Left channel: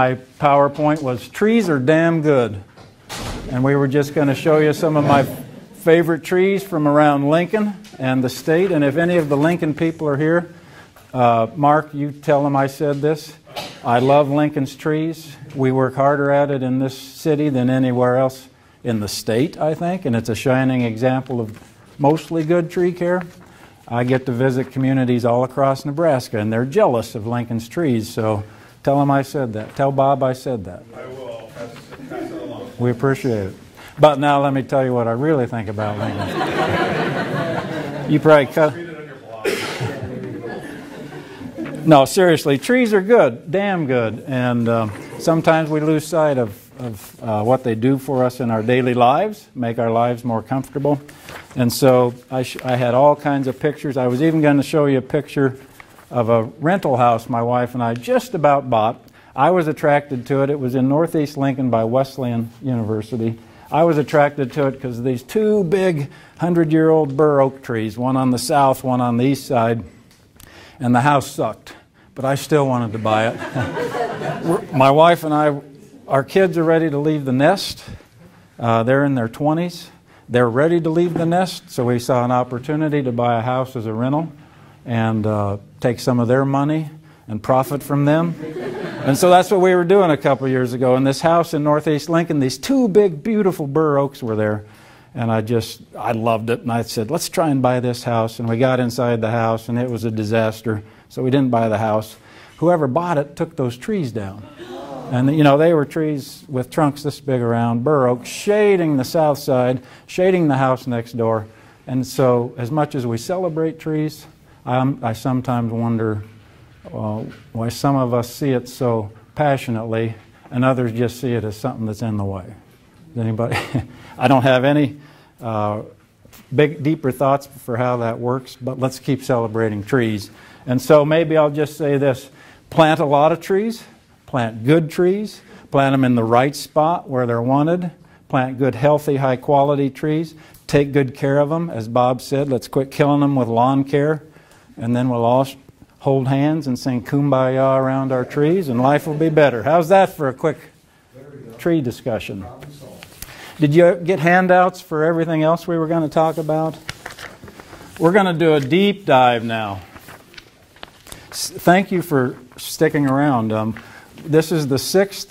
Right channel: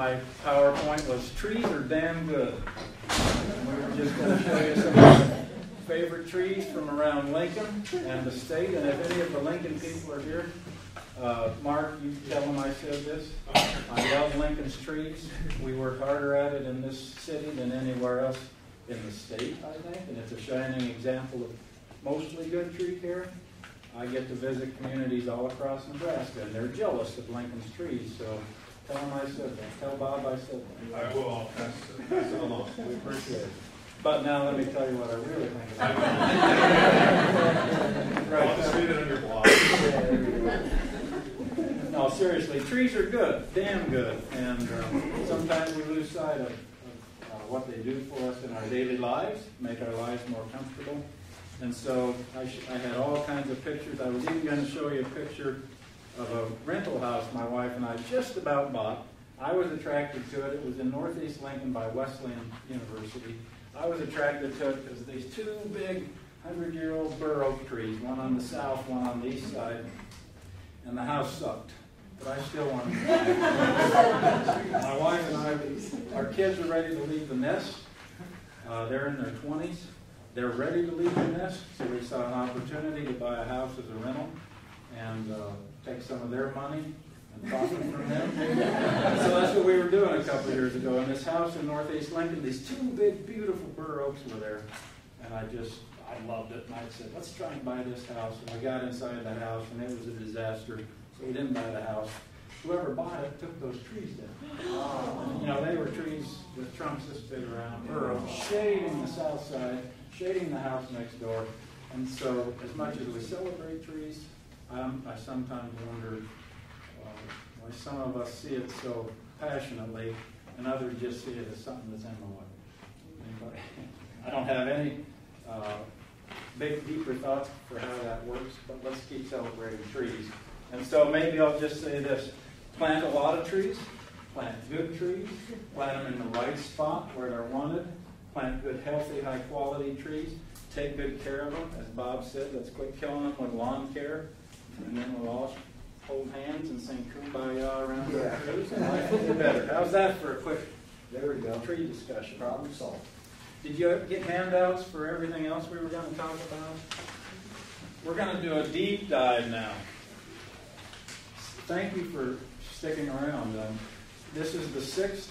My PowerPoint was trees are damn good. And we were just going to show you some of my favorite trees from around Lincoln and the state. And if any of the Lincoln people are here, Mark, you tell them I said this. I love Lincoln's trees. We work harder at it in this city than anywhere else in the state, I think. And it's a shining example of mostly good tree care. I get to visit communities all across Nebraska, and they're jealous of Lincoln's trees. So tell them I said that. Tell Bob I said that. I will. Pass it along. We appreciate it. But now let me tell you what I really think about Lincoln. You probably cut. No, seriously, trees are good, damn good. And sometimes we lose sight of what they do for us in our daily lives, make our lives more comfortable. And so I had all kinds of pictures. I was even going to show you a picture of a rental house my wife and I just about bought. I was attracted to it. It was in Northeast Lincoln by Wesleyan University. I was attracted to it because of these two big 100-year-old bur oak trees, one on the south, one on the east side, and the house sucked. But I still wanted to buy it. My wife and I, our kids are ready to leave the nest. They're in their 20s. They're ready to leave the nest, so we saw an opportunity to buy a house as a rental and take some of their money and profit from them. And so that's what we were doing a couple of years ago. In this house in Northeast Lincoln, these two big, beautiful bur oaks were there. And I loved it. And I said, let's try and buy this house. And we got inside the house, and it was a disaster. So we didn't buy the house. Whoever bought it took those trees down. And, you know, they were trees with trunks this big around, bur oak, shading the south side, shading the house next door. And so as much as we celebrate trees, I sometimes wonder why some of us see it so passionately and others just see it as something that's in the way. Does anybody? I don't have any deeper thoughts for how that works, but let's keep celebrating trees. And so maybe I'll just say this. Plant a lot of trees. Plant good trees. Plant them in the right spot where they're wanted. Plant good, healthy, high-quality trees. Take good care of them. As Bob said, let's quit killing them with lawn care. And then we'll all hold hands and sing Kumbaya around our trees, and life will be better. How's that for a quick tree discussion? Did you get handouts for everything else we were going to talk about? We're going to do a deep dive now. Thank you for sticking around. This is the 6th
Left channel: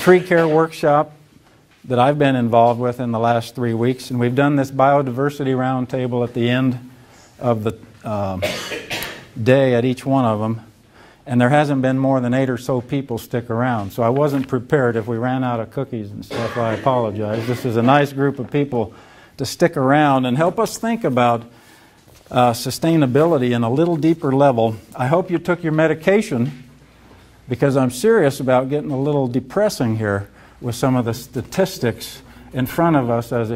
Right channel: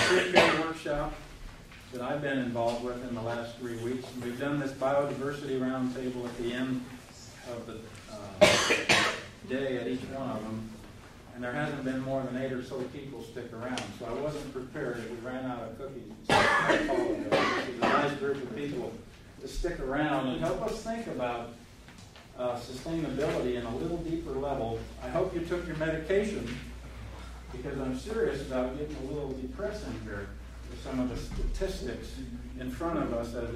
tree care workshop that I've been involved with in the last 3 weeks, and we've done this biodiversity roundtable at the end of the day at each one of them, and there hasn't been more than 8 or so people stick around. So I wasn't prepared. If we ran out of cookies and stuff, I apologize. This is a nice group of people to stick around and help us think about sustainability in a little deeper level. I hope you took your medication, because I'm serious about getting a little depressing here with some of the statistics in front of us as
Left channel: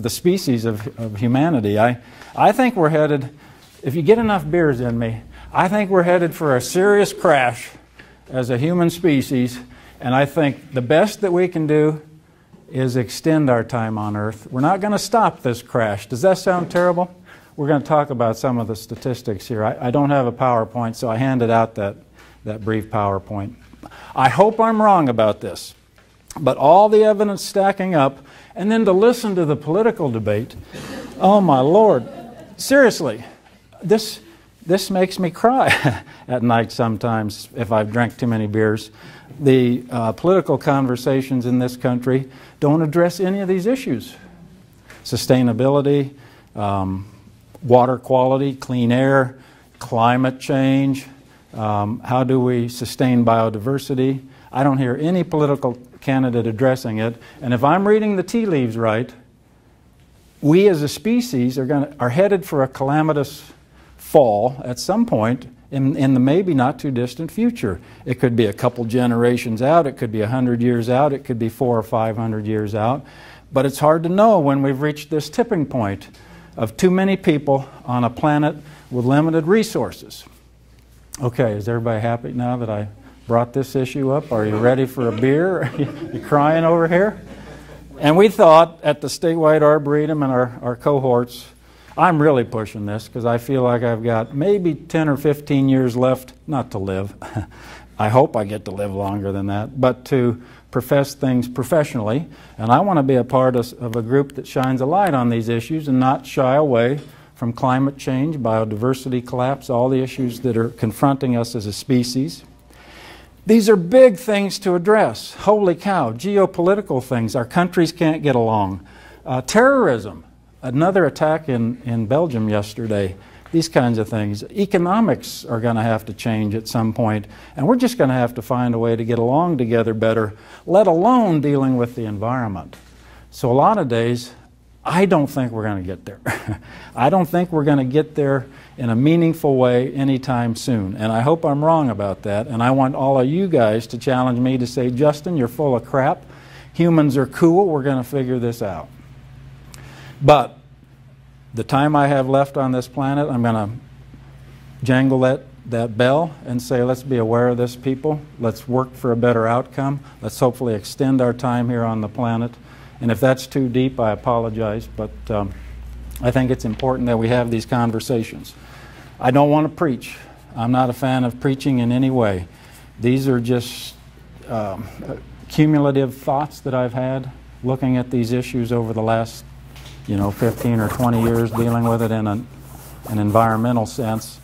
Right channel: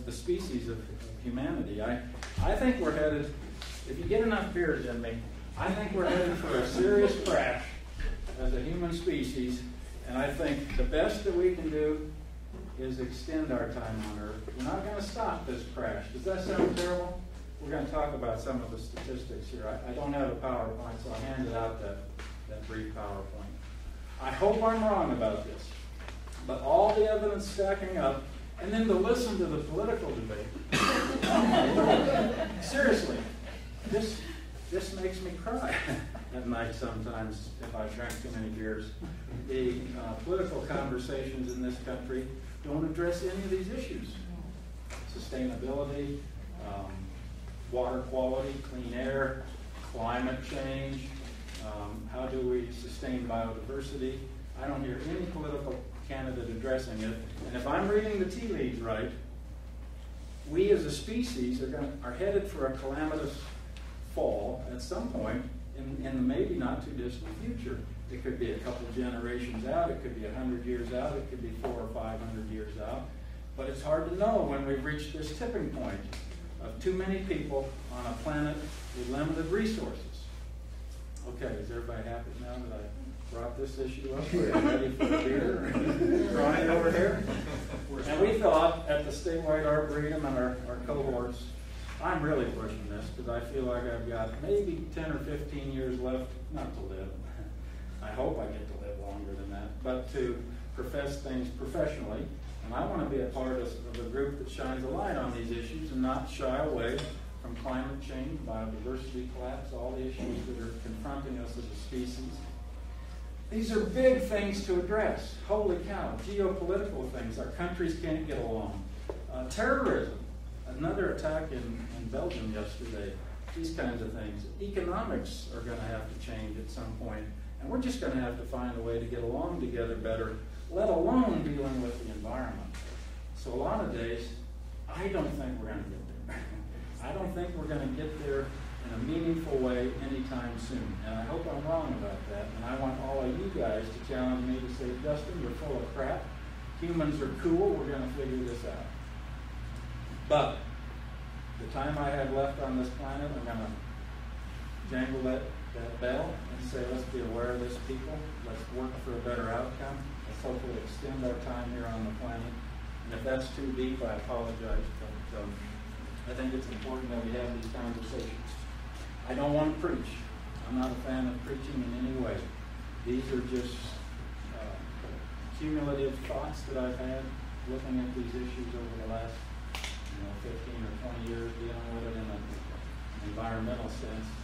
the species of humanity. I think we're headed, if you get enough beers in me, I think we're headed for a serious crash as a human species, and I think the best that we can do is extend our time on Earth. We're not going to stop this crash. Does that sound terrible? We're going to talk about some of the statistics here. I don't have a PowerPoint, so I handed out that brief PowerPoint. I hope I'm wrong about this, but all the evidence stacking up, and then to listen to the political debate, oh my Lord, seriously, this makes me cry at night sometimes if I've drank too many beers. The political conversations in this country don't address any of these issues. Sustainability, water quality, clean air, climate change, how do we sustain biodiversity? I don't hear any political candidate addressing it. And if I'm reading the tea leaves right, we as a species are headed for a calamitous fall at some point in the maybe not too distant future. It could be a couple generations out, it could be 100 years out, it could be 400 or 500 years out. But it's hard to know when we've reached this tipping point of too many people on a planet with limited resources. Okay, is everybody happy now that I brought this issue up? Are you ready for a beer? Are you crying over here? And we thought at the statewide arboretum and our cohorts, I'm really pushing this because I feel like I've got maybe 10 or 15 years left, not to live. I hope I get to live longer than that, but to profess things professionally. And I want to be a part of a group that shines a light on these issues and not shy away from climate change, biodiversity collapse, all the issues that are confronting us as a species. These are big things to address. Holy cow, geopolitical things. Our countries can't get along. Terrorism, another attack in Belgium yesterday. These kinds of things. Economics are going to have to change at some point, and we're just going to have to find a way to get along together better, let alone dealing with the environment. So a lot of days, I don't think we're going to get there. I don't think we're going to get there in a meaningful way anytime soon. And I hope I'm wrong about that. And I want all of you guys to challenge me to say, Justin, you're full of crap. Humans are cool. We're going to figure this out. But the time I have left on this planet, I'm going to jangle that bell and say, let's be aware of this, people. Let's work for a better outcome. Let's hopefully extend our time here on the planet. And if that's too deep, I apologize, but I think it's important that we have these conversations. I don't want to preach. I'm not a fan of preaching in any way. These are just cumulative thoughts that I've had looking at these issues over the last 15 or 20 years, dealing with it in an environmental sense.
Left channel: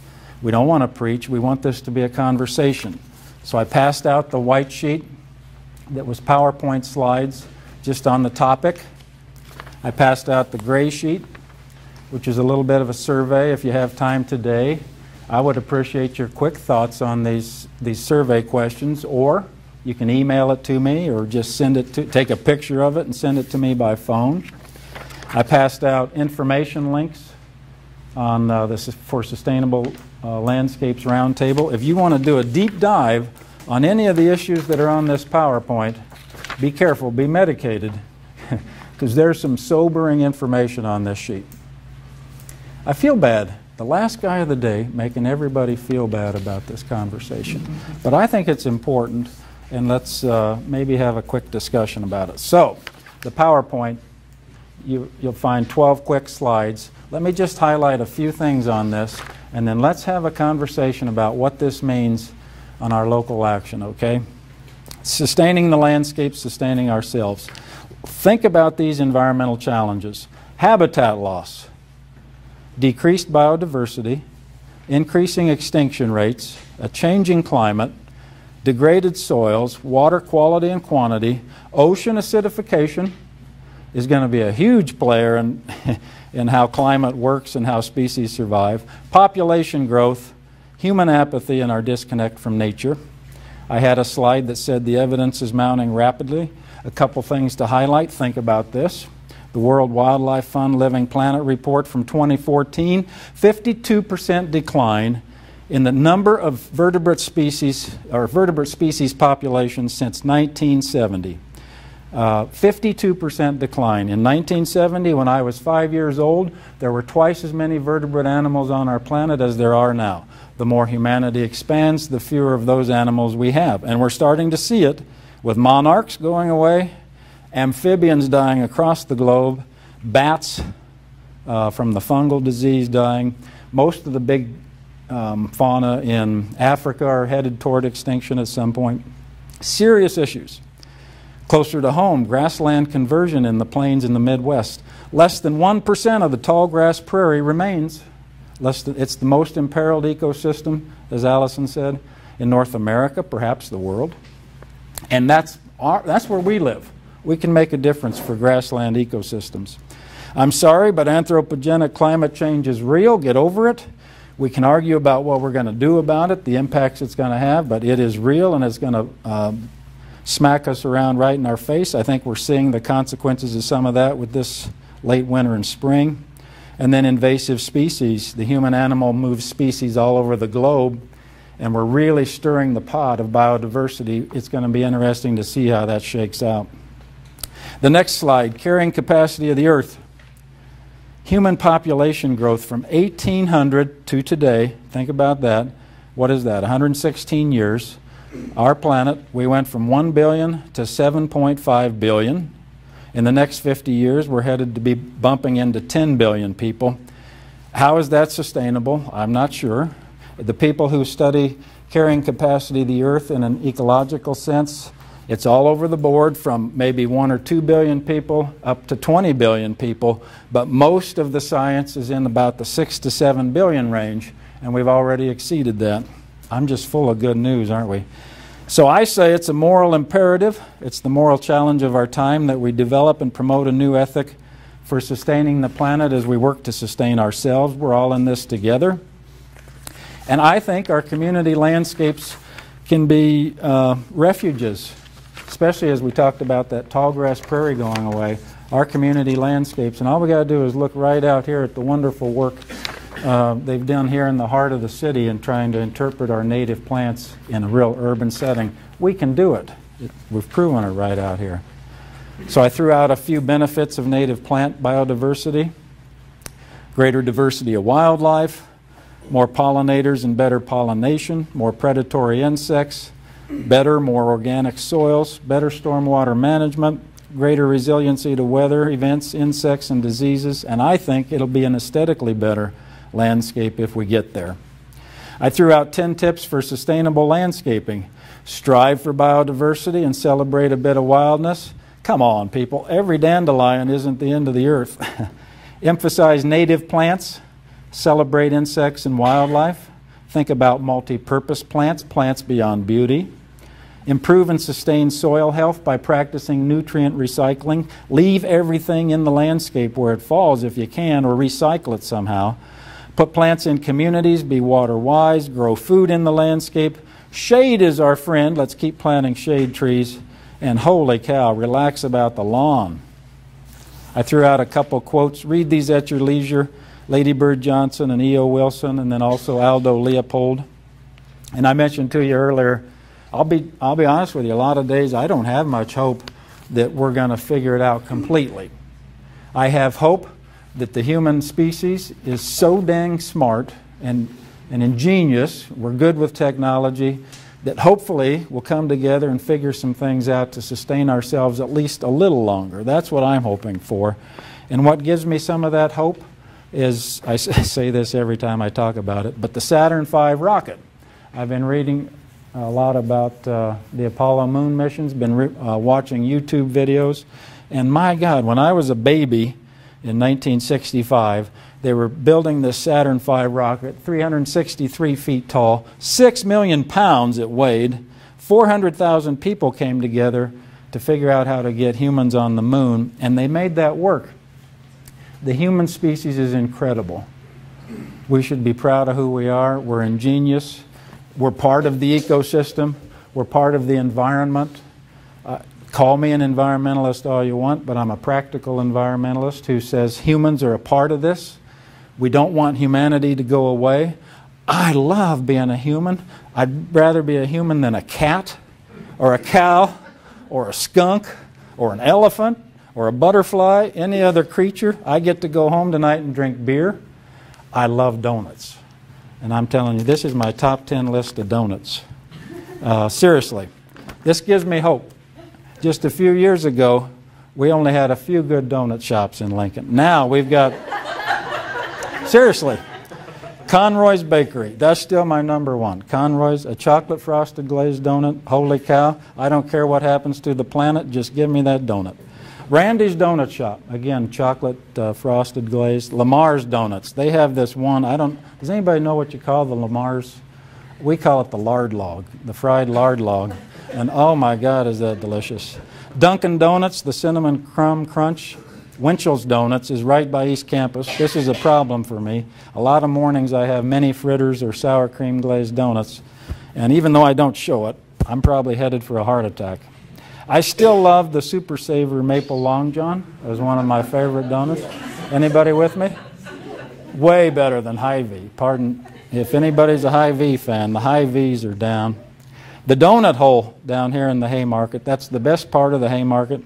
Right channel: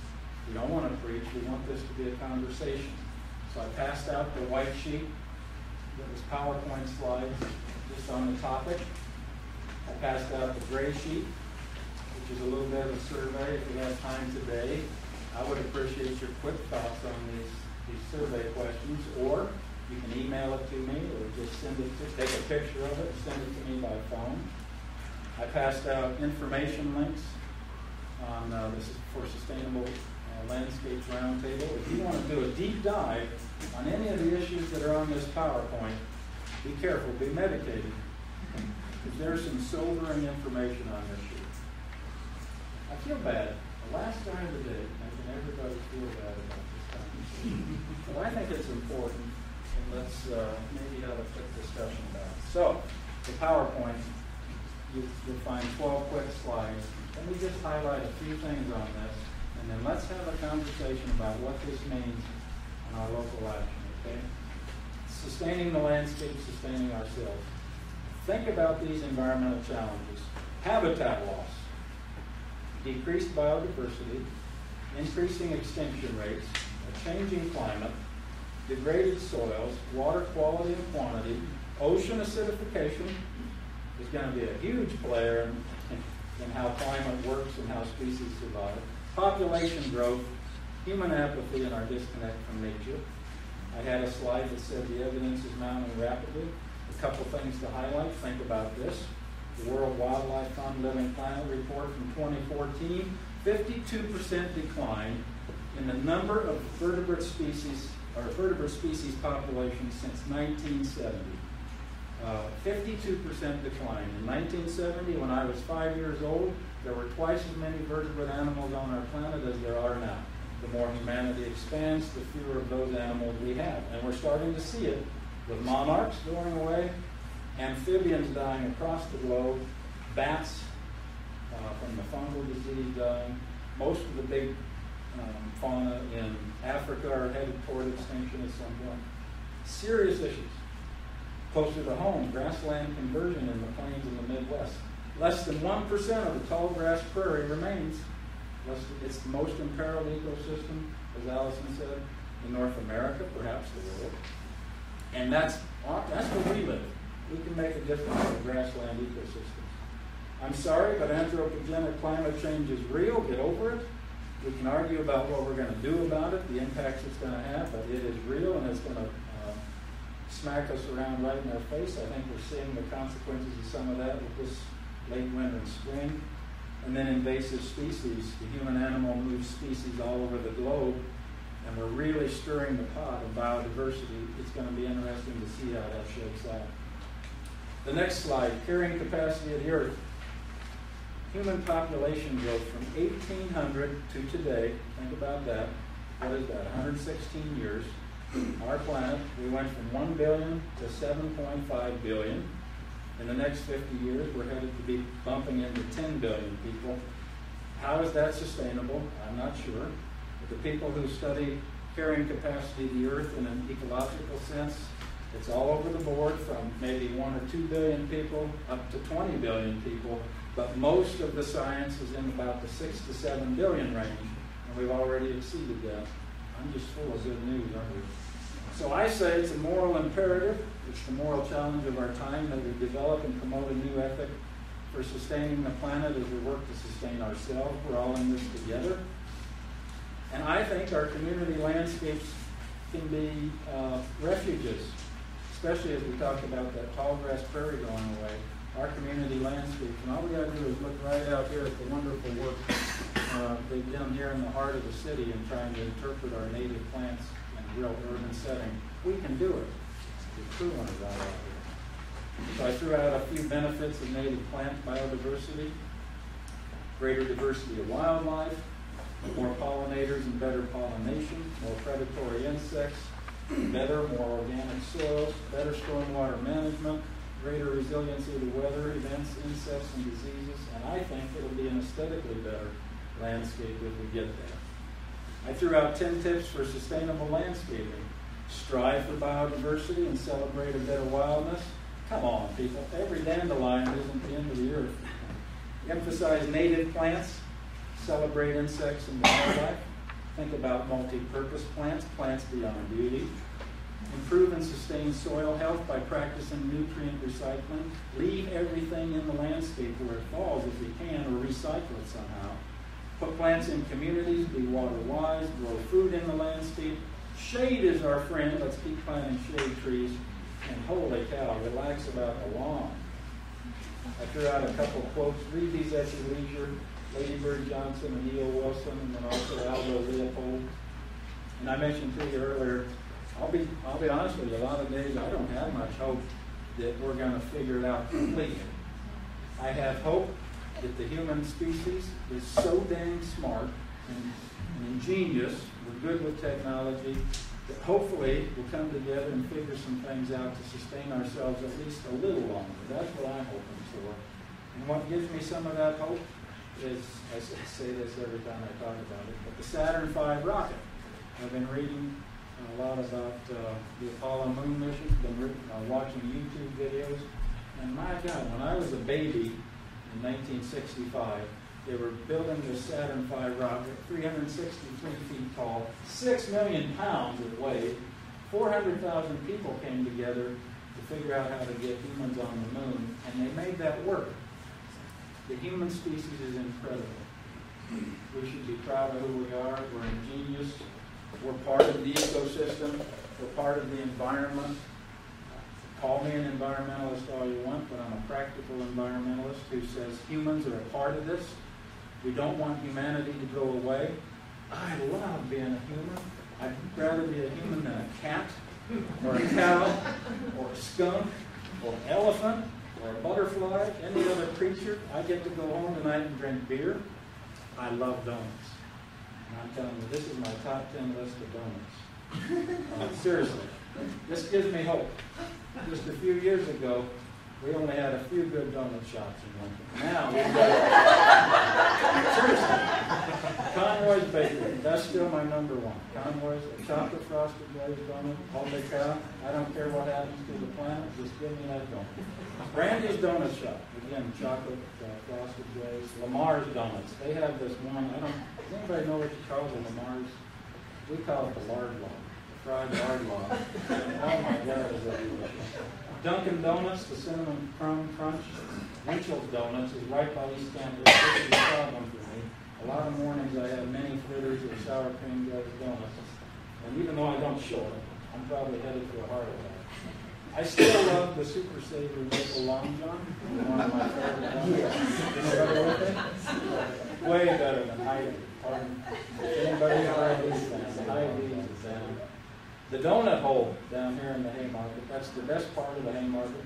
We don't want to preach. We want this to be a conversation. So I passed out the white sheet that was PowerPoint slides just on the topic. I passed out the gray sheet, which is a little bit of a survey. If you have time today, I would appreciate your quick thoughts on these survey questions, or you can email it to me or just take a picture of it and send it to me by phone. I passed out information links on this is for Sustainable Landscapes Roundtable. If you want to do a deep dive on any of the issues that are on this PowerPoint, be careful, be medicated, because there's some sobering information on this sheet. I feel bad. The last guy of the day making everybody feel bad about this conversation. But I think it's important, and let's maybe have a quick discussion about it. So, the PowerPoint, you'll find 12 quick slides. Let me just highlight a few things on this, and then let's have a conversation about what this means on our local action, okay? Sustaining the landscape, sustaining ourselves. Think about these environmental challenges. Habitat loss, decreased biodiversity, increasing extinction rates, a changing climate, degraded soils, water quality and quantity, ocean acidification is going to be a huge player in how climate works and how species survive, population growth, human apathy, and our disconnect from nature. I had a slide that said the evidence is mounting rapidly. A couple things to highlight. Think about this. The World Wildlife Fund Living Planet report from 2014, 52% decline in the number of vertebrate species populations since 1970. 52% decline. In 1970, when I was 5 years old, there were twice as many vertebrate animals on our planet as there are now. The more humanity expands, the fewer of those animals we have. And we're starting to see it with monarchs going away, amphibians dying across the globe, bats from the fungal disease dying. Most of the big fauna in Africa are headed toward extinction at some point. Serious issues. Closer to home, grassland conversion in the plains in the Midwest. Less than 1% of the tall grass prairie remains. It's the most imperiled ecosystem, as Allison said, in North America, perhaps the world. And that's where we live. We can make a difference for grassland ecosystems. I'm sorry, but anthropogenic climate change is real. Get over it. We can argue about what we're going to do about it, the impacts it's going to have, but it is real, and it's going to smack us around right in our face. I think we're seeing the consequences of some of that with this late winter and spring. And then invasive species. The human-animal moves species all over the globe, and we're really stirring the pot of biodiversity. It's going to be interesting to see how that shakes out. The next slide, carrying capacity of the Earth. Human population growth from 1800 to today. Think about that. What is that? 116 years. Our planet, we went from 1 billion to 7.5 billion. In the next 50 years, we're headed to be bumping into 10 billion people. How is that sustainable? I'm not sure. The people who study carrying capacity of the Earth in an ecological sense. It's all over the board, from maybe 1 or 2 billion people up to 20 billion people, but most of the science is in about the 6 to 7 billion range, and we've already exceeded that. I'm just full of good news, aren't we? So I say it's a moral imperative. It's the moral challenge of our time that we develop and promote a new ethic for sustaining the planet as we work to sustain ourselves. We're all in this together. And I think our community landscapes can be refuges, especially as we talked about that tallgrass prairie going away. Our community landscapes, and all we got to do is look right out here at the wonderful work they've done here in the heart of the city in trying to interpret our native plants in a real urban setting. We can do it. We've proven it right out here. So I threw out a few benefits of native plant biodiversity: greater diversity of wildlife, more pollinators and better pollination, more predatory insects, better, more organic soils, better stormwater management, greater resiliency to weather events, insects, and diseases, and I think it'll be an aesthetically better landscape if we get there. I threw out 10 tips for sustainable landscaping. Strive for biodiversity and celebrate a bit of wildness. Come on, people, every dandelion isn't the end of the earth. Emphasize native plants. Celebrate insects and wildlife. Think about multi-purpose plants, plants beyond beauty. Improve and sustain soil health by practicing nutrient recycling. Leave everything in the landscape where it falls if you can, or recycle it somehow. Put plants in communities, be water wise, grow food in the landscape. Shade is our friend. Let's keep planting shade trees. And holy cow, relax about the lawn. I threw out a couple quotes. Read these at your leisure. Lady Bird Johnson and E.O. Wilson, and then also Aldo Leopold. And I mentioned to you earlier, I'll be honest with you, a lot of days I don't have much hope that we're going to figure it out completely. I have hope that the human species is so dang smart and ingenious, we're good with technology, that hopefully we'll come together and figure some things out to sustain ourselves at least a little longer. That's what I'm hoping for. And what gives me some of that hope is, I say this every time I talk about it, but the Saturn V rocket. I've been reading a lot about the Apollo moon missions, been watching YouTube videos, and my God, when I was a baby in 1965, they were building this Saturn V rocket, 363 feet tall, 6 million pounds it weighed, 400,000 people came together to figure out how to get humans on the moon, and they made that work. The human species is incredible. We should be proud of who we are. We're ingenious. We're part of the ecosystem. We're part of the environment. Call me an environmentalist all you want, but I'm a practical environmentalist who says humans are a part of this. We don't want humanity to go away. I love being a human. I'd rather be a human than a cat or a cow or a skunk or an elephant or a butterfly, any other creature. I get to go home tonight and drink beer. I love donuts. And I'm telling you, this is my top 10 list of donuts. Seriously, this gives me hope. Just a few years ago, we only had a few good donut shops in Lincoln. Now we've got, seriously, Conroy's Bakery. That's still my number one. Conroy's, a chocolate frosted glazed donut. Holy cow, I don't care what happens to the planet, just give me that donut. Randy's Donut Shop, again, chocolate frosted glazed. Lamar's Donuts, they have this one, does anybody know what you call the Lamar's? We call it the lard log, the fried lard log. And oh my God, is that delicious. Dunkin' Donuts, the Cinnamon Crumb Crunch. Winchell's Donuts is right by East Campus. This is a problem for me. A lot of mornings I have mini fritters or sour cream glazed donuts. And even though I don't show it, I'm probably headed for a heart attack. I still love the Super Savor Maple Long John. It was one of my favorite donuts. Anybody with me? Way better than Hy-Vee. Pardon, if anybody's a Hy-Vee fan, the Hy-Vees are down. The donut hole down here in the Haymarket, that's the best part of the Haymarket.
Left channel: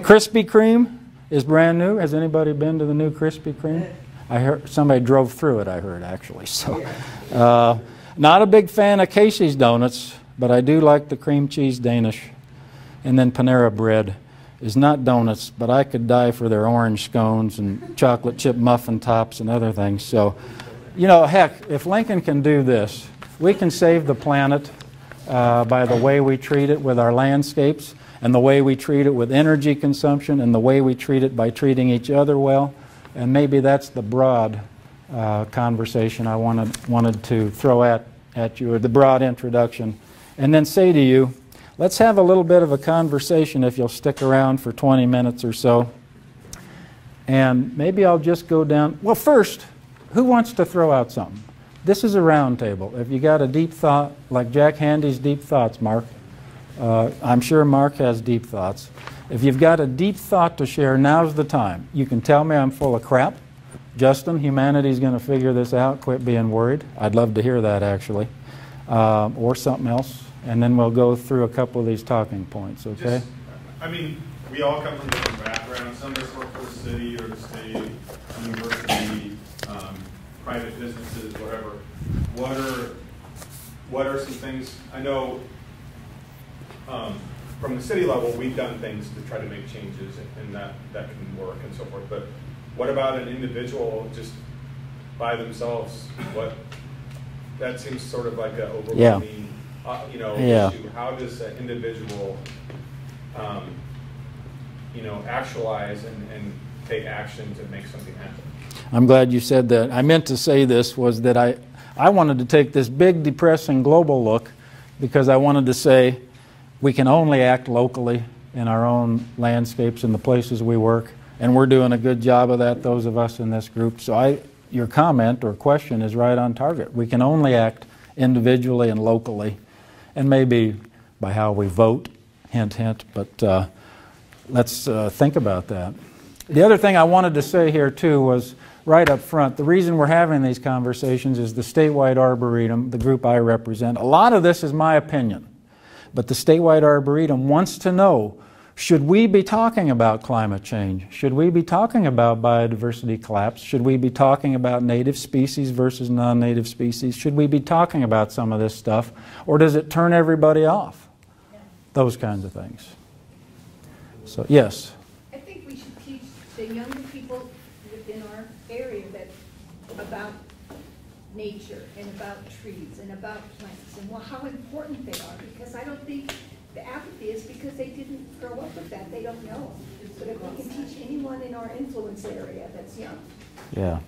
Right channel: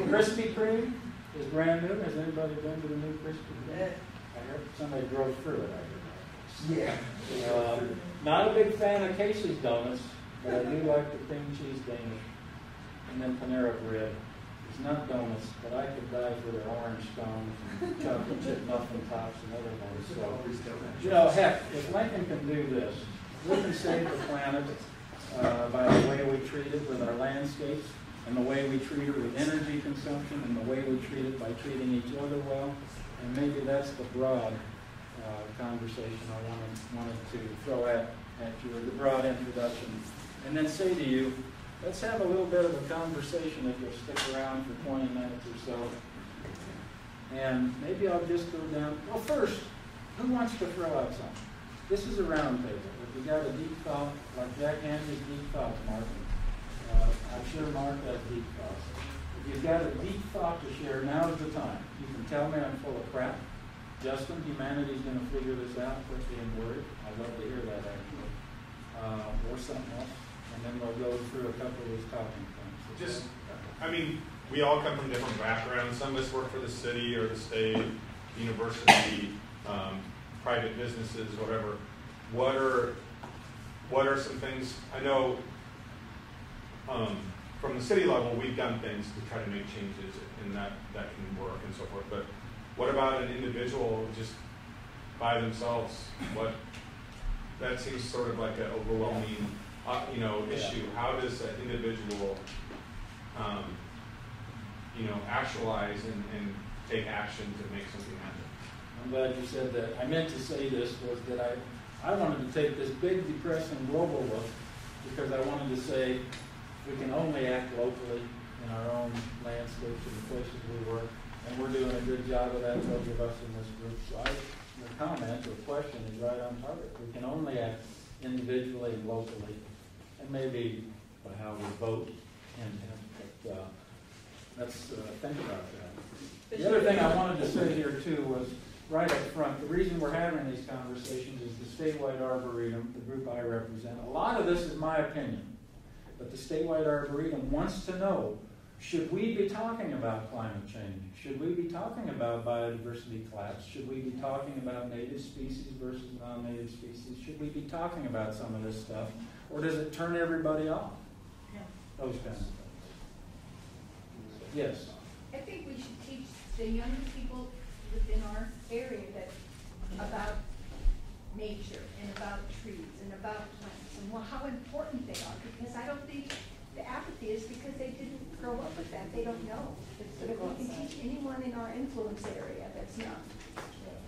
Krispy Kreme is brand new. Has anybody been to the new Krispy Kreme? I heard somebody drove through it, I heard, actually. So, not a big fan of Casey's Donuts, but I do like the cream cheese Danish. And then Panera Bread is not donuts, but I could die for their orange scones and chocolate chip muffin tops and other things. So, you know, heck, if Lincoln can do this, We can save the planet by the way we treat it with our landscapes, and the way we treat it with energy consumption, and the way we treat it by treating each other well. And maybe that's the broad conversation I wanted to throw at you, or the broad introduction. And then say to you, let's have a little bit of a conversation if you'll stick around for 20 minutes or so. And maybe I'll just go down. Well, first, who wants to throw out something? This is a round table. If you got a deep thought, like Jack Handy's deep thoughts, Mark, I'm sure Mark has deep thoughts. If you've got a deep thought to share, now's the time. You can tell me I'm full of crap. Justin, humanity's going to figure this out. Quit being worried. I'd love to hear that, actually. Or something else. And then we'll go through a couple of these talking points, okay? We all come from different backgrounds. Some of us work for the city or the state, university, private businesses, whatever. What are some things? I know from the city level, we've done things to try to make changes, and that can work and so forth. But what about an individual just by themselves? That seems sort of like an overwhelming, issue. How does an individual, actualize and take action to make something happen? I'm glad you said that. I meant to say this was that I wanted to take this big, depressing global look because I wanted to say we can only act locally in our own landscapes and the places we work, and we're doing a good job of that, those of us in this group. So your comment or question is right on target. We can only act individually and locally, and maybe by how we vote, hint, hint, but let's think about that. The other thing I wanted to say here, too, was right up front, the reason we're having these conversations is the statewide Arboretum, the group I represent. A lot of this is my opinion, but the statewide Arboretum wants to know, should we be talking about climate change? Should we be talking about biodiversity collapse? Should we be talking about native species versus non-native species? Should we be talking about some of this stuff? Or does it turn everybody off? Those kinds of things. So, yes? I think we should teach the younger people within our area about nature and about trees and about plants and how important they are, because I don't think the apathy is because they didn't grow up with that. They don't know. But if we can teach anyone in our influence area that's young. Yeah.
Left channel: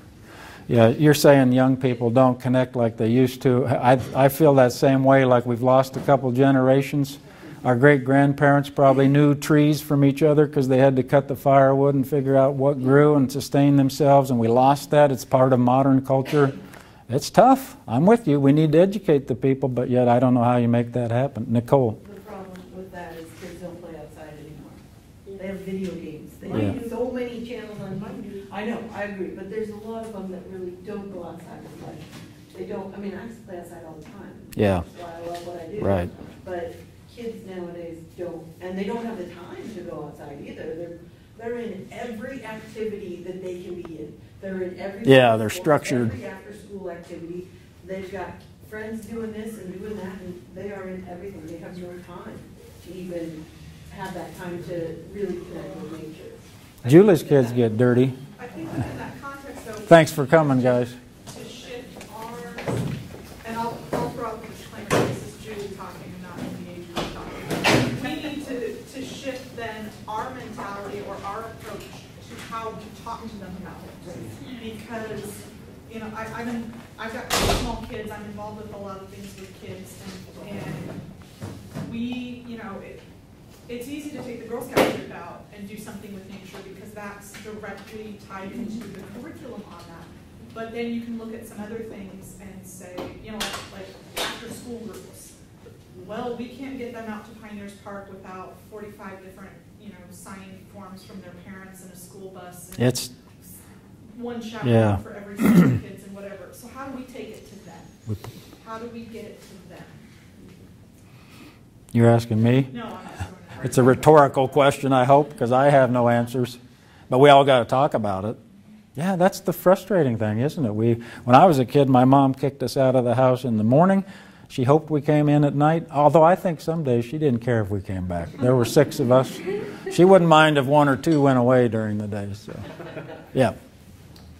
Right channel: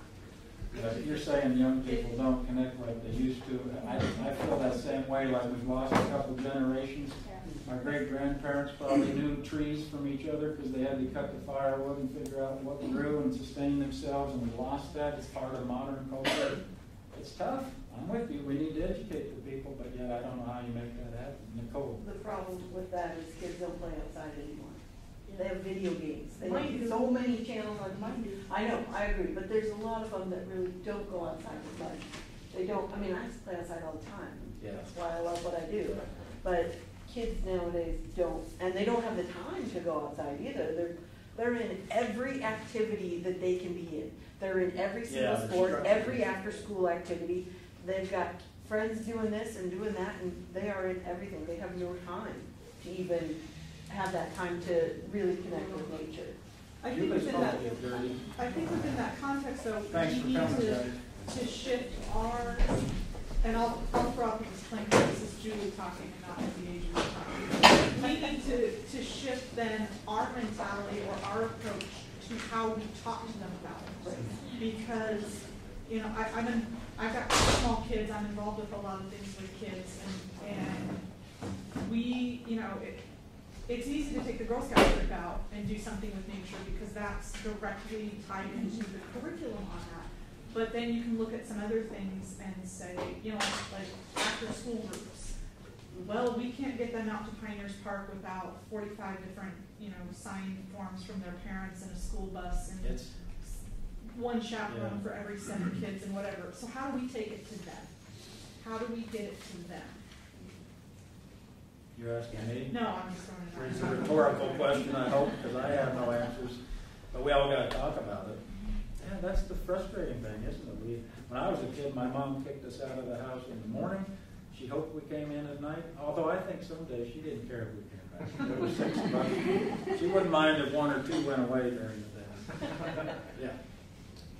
Yeah, you're saying young people don't connect like they used to. I feel that same way, like we've lost a couple generations. Our great-grandparents probably knew trees from each other because they had to cut the firewood and figure out what grew and sustain themselves, and we lost that. It's part of modern culture. It's tough. I'm with you. We need to educate the people, but yet I don't know how you make that happen. Nicole. The problem with that is kids don't play outside anymore. They have video games. They have so many channels on TV. I know, I agree, but there's a lot of them that really don't go outside and play. They don't, I play outside all the time. Yeah. So I love what I do. Right. But kids nowadays don't, and they don't have the time to go outside either. They're in every activity that they can be in. They're in every they're sport, structured. Every after-school activity. They've got friends doing this and doing that, and they are in everything. They have no time to even have that time to really connect with nature. Julie's kids get dirty. I think within that context, though. Thanks for coming, guys. To shift our, and I'll throw out the disclaimer, this is Julie talking and not the age group talking. We need to shift then our mentality or our approach to how we talk to them about it. Because, I've got small kids, I'm involved with a lot of things with kids, and we, it's easy to take the Girl Scout trip out and do something with nature because that's directly tied into the curriculum on that. But then you can look at some other things and say, like after school groups. Well, we can't get them out to Pioneers Park without 45 different, signing forms from their parents and a school bus. And It's one chaperone for every 7 kids and whatever. So how do we take it to them? How do we get it to them? You're asking me? No, I'm not. It's a rhetorical question, I hope, because I have no answers. But we all got to talk about it. Yeah, that's the frustrating thing, isn't it? When I was a kid, my mom kicked us out of the house in the morning. She hoped we came in at night, although I think some days she didn't care if we came back. There were 6 of us. She wouldn't mind if 1 or 2 went away during the day. So. Yeah.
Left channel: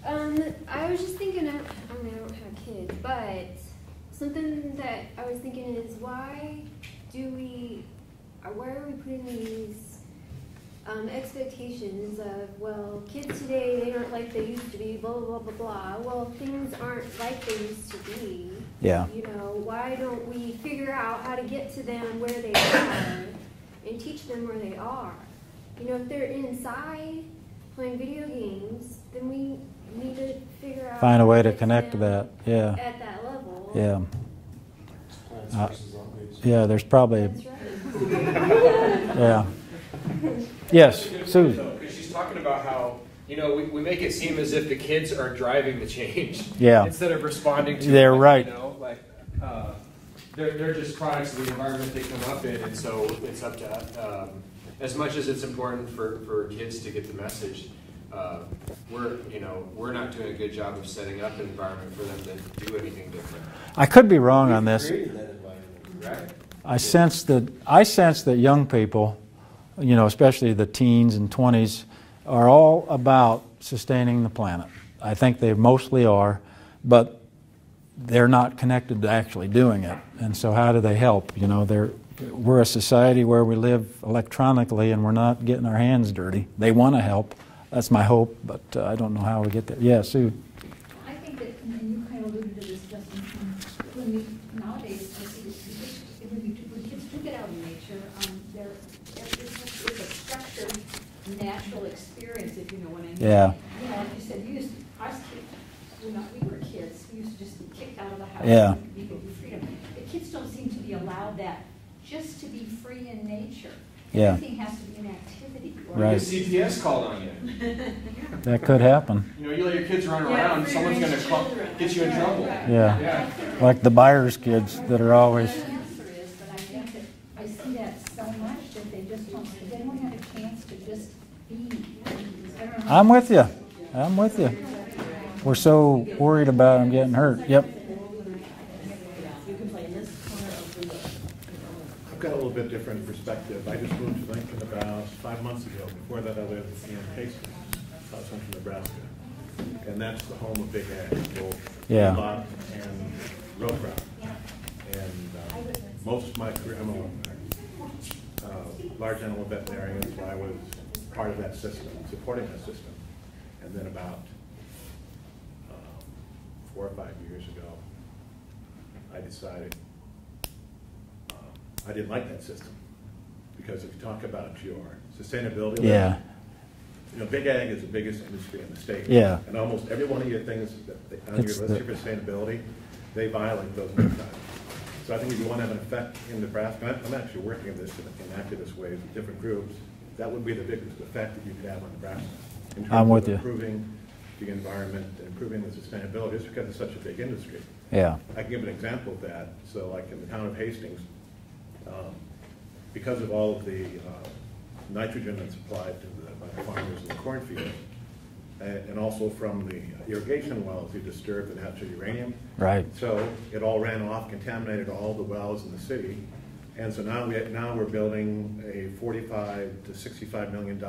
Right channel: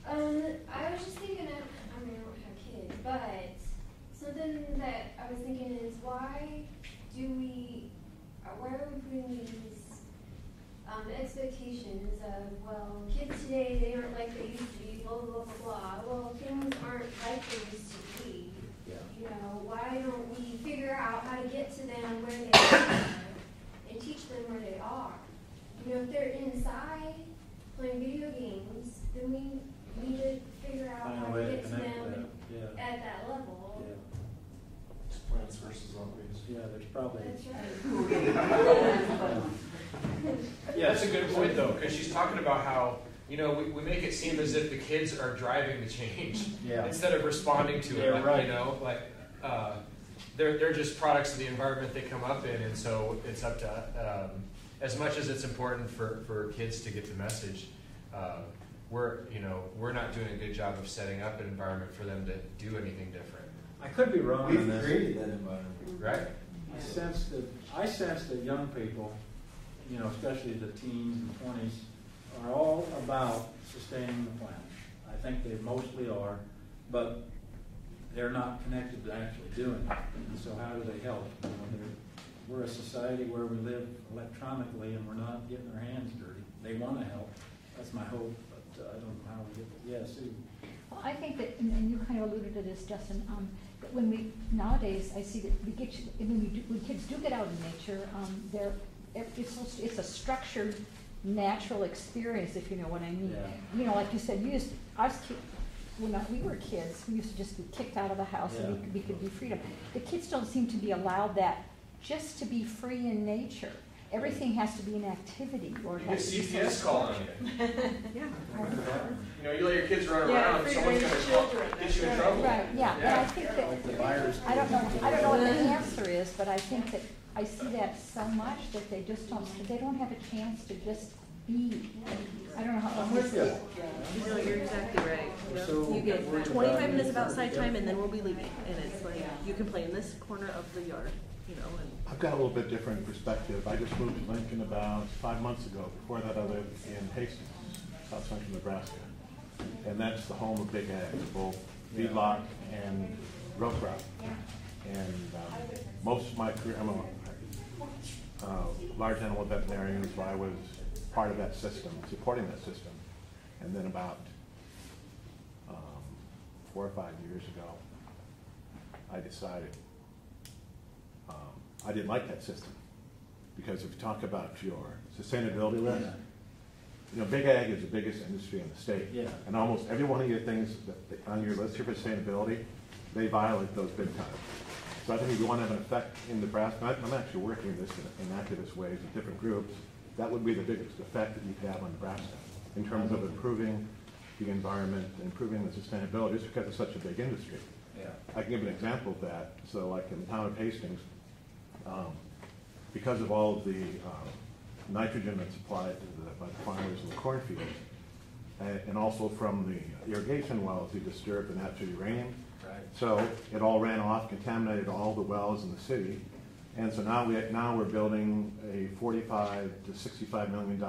I was just thinking, I don't have kids, but Something that I was thinking is, why where are we putting these expectations of, well, kids today, they aren't like they used to be, blah, blah, blah, blah. Well, things aren't like they used to be. Yeah. You know, why don't we figure out how to get to them where they are and teach them where they are? You know, if they're inside playing video games, then we need to figure out Find a way how to get connect to that. Yeah. at that level. Yeah. Yeah, there's probably. That's right. Yeah. Yes. That's a good Sue. point, though, because she's talking about how, you know, we make it seem as if the kids are driving the change. Yeah. Instead of responding to They're it, right. You know, like, they're just products of the environment they come up in, and so it's up to, as much as it's important for kids to get the message, we're not doing a good job of setting up an environment for them to do anything different. I could be wrong on this. Right? I sense that young people, you know, especially the teens and 20s, are all about sustaining the planet. I think they mostly are, but they're not connected to actually doing it. And so how do they help? You know, we're a society where we live electronically and we're not getting our hands dirty. They want to help. That's my hope, but I don't know how we get there. Yeah, Sue. I think that, and you kind of alluded to this, Justin, nowadays, I see that when kids do get out in nature, it's a structured, natural experience, if you know what I mean. Yeah. You know, like you said, we were kids, we used to just be kicked out of the house. Yeah. We could do freedom. The kids don't seem to be allowed that, just to be free in nature. Yeah. Everything has to be an activity. Or Right. A CPS call on you. That could happen. You know, you let your kids run around, someone's going to get you in trouble. Right. Yeah. Like the Byers kids that are always. The answer is, but I think that I see that so much that they don't have a chance to just be. I don't know how I'm with you. I'm with you. We're so worried about them getting hurt. Yep. And then we'll be leaving, and you can play in this corner of the yard. I've got a little bit different perspective. I just moved to Lincoln about 5 months ago. Before that, I lived in Hastings, South Central Nebraska. And that's the home of Big Ag, both Yeah. feedlot and row crop. And most of my career, I'm a large animal veterinarian, so I was part of that system, supporting that system. And then about 4 or 5 years ago, I decided I didn't like that system, because if you talk about your sustainability, Yeah. you know, Big Ag is the biggest industry in the state. Yeah. And almost every one of your things on your list for sustainability, they violate those many times. So I think if you want to have an effect in Nebraska, I'm actually working in this in activist ways with different groups, that would be the biggest effect that you could have on Nebraska. In terms I'm with of you. improving the environment, improving the sustainability, just because it's such a big industry. Yeah. I can give an example of that. So like in the town of Hastings, because of all of the nitrogen that's applied by the farmers in the cornfields, and also from the irrigation wells you disturbed the natural uranium. Right. So it all ran off, contaminated all the wells in the city. And so now we're building a $45 to $65 million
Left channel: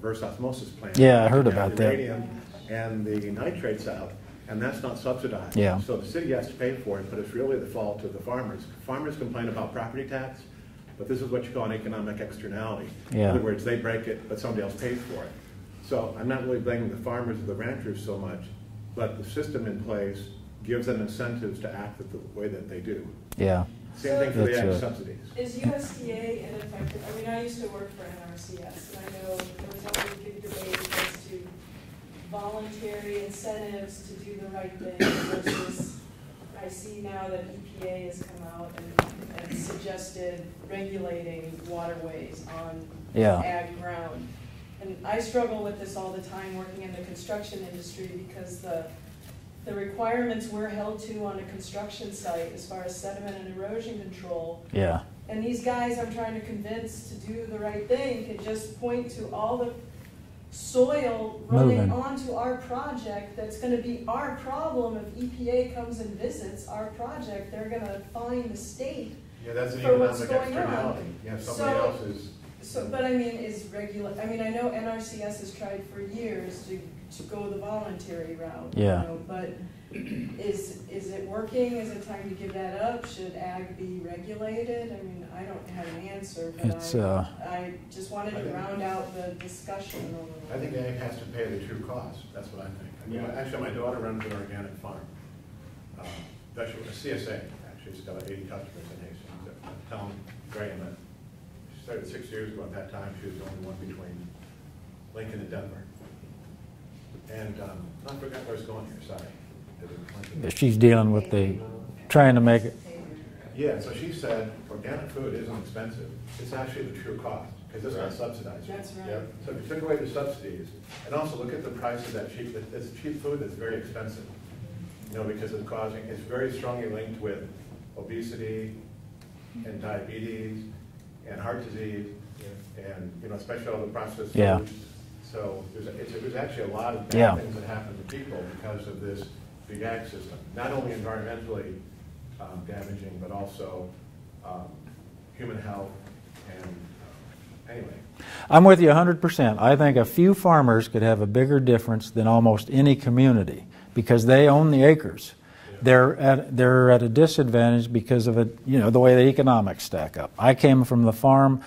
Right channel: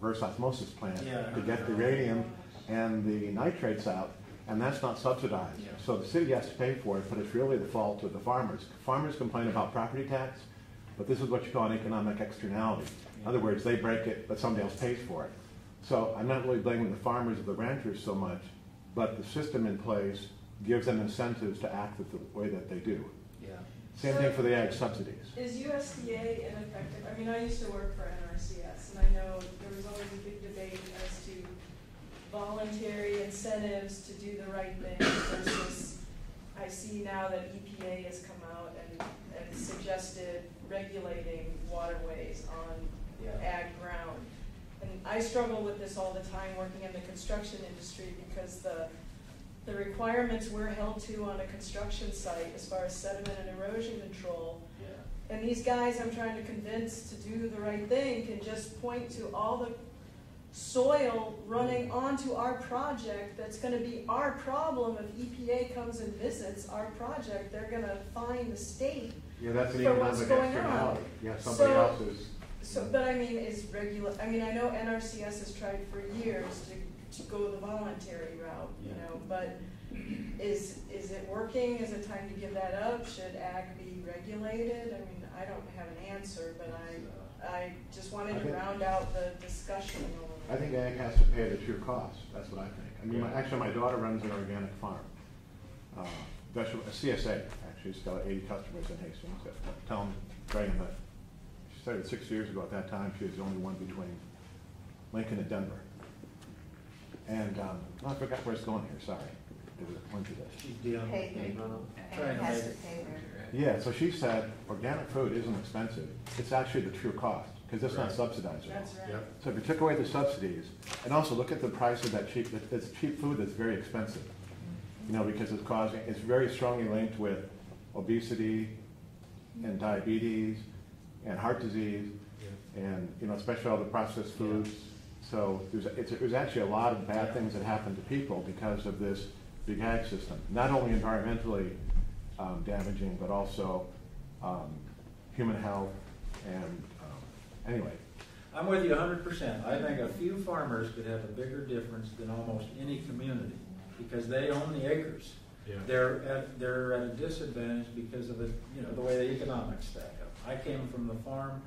reverse osmosis plant. Yeah, I heard to get about the that. uranium and the nitrates out, and that's not subsidized. Yeah. So the city has to pay for it, but it's really the fault of the farmers. Farmers complain about property tax, but this is what you call an economic externality. Yeah. In other words, they break it, but somebody else pays for it. So I'm not really blaming the farmers or the ranchers so much, but the system in place gives them incentives to act the way that they do. Yeah. Same thing for the That's ag subsidies. Is USDA ineffective? I mean, I used to work for NRCS, and I know there was always a big debate as to voluntary incentives to do the right thing versus, I see now that EPA has come out and suggested regulating waterways on Yeah. ag ground. And I struggle with this all the time working in the construction industry because the requirements we're held to on a construction site as far as sediment and erosion control. Yeah. And these guys I'm trying to convince to do the right thing can just point to all the soil running Moving. onto our project that's going to be our problem if EPA comes and visits our project. They're going to fine the state. Yeah, that's an For what's economic going on. externality. You have somebody So- else's. So, but I mean, I know NRCS has tried for years to go the voluntary route. Yeah. You know, but is it working? Is it time to give that up? Should ag be regulated? I mean, I don't have an answer, but I just wanted to round out the discussion a little bit. I think ag has to pay the true cost. That's what I think. I mean, actually, my daughter runs an organic farm. A CSA, actually, she's got 80 customers in Hastings. Tell them, Graham, that she started 6 years ago. At that time, she was the only one between Lincoln and Denver. And I forgot where it's going here, sorry. She's dealing with trying to make it. Yeah, so she said organic food isn't expensive. It's actually the true cost, because it's not subsidized. That's right. Yep. So if we took away the subsidies, and also look at the price of that cheap food that's very expensive. You know, because it's very strongly linked with obesity and diabetes and heart disease and, you know, especially all the processed foods. Yeah. So there's actually a lot of bad things that happen to people because of this big ag system. Not only environmentally damaging, but also human health. And anyway. I'm with you 100%. I think a few farmers could have a bigger difference than almost any community because they own the acres. Yeah. They're at a disadvantage because of it, you know, the way the economics stack up. I came from the farm.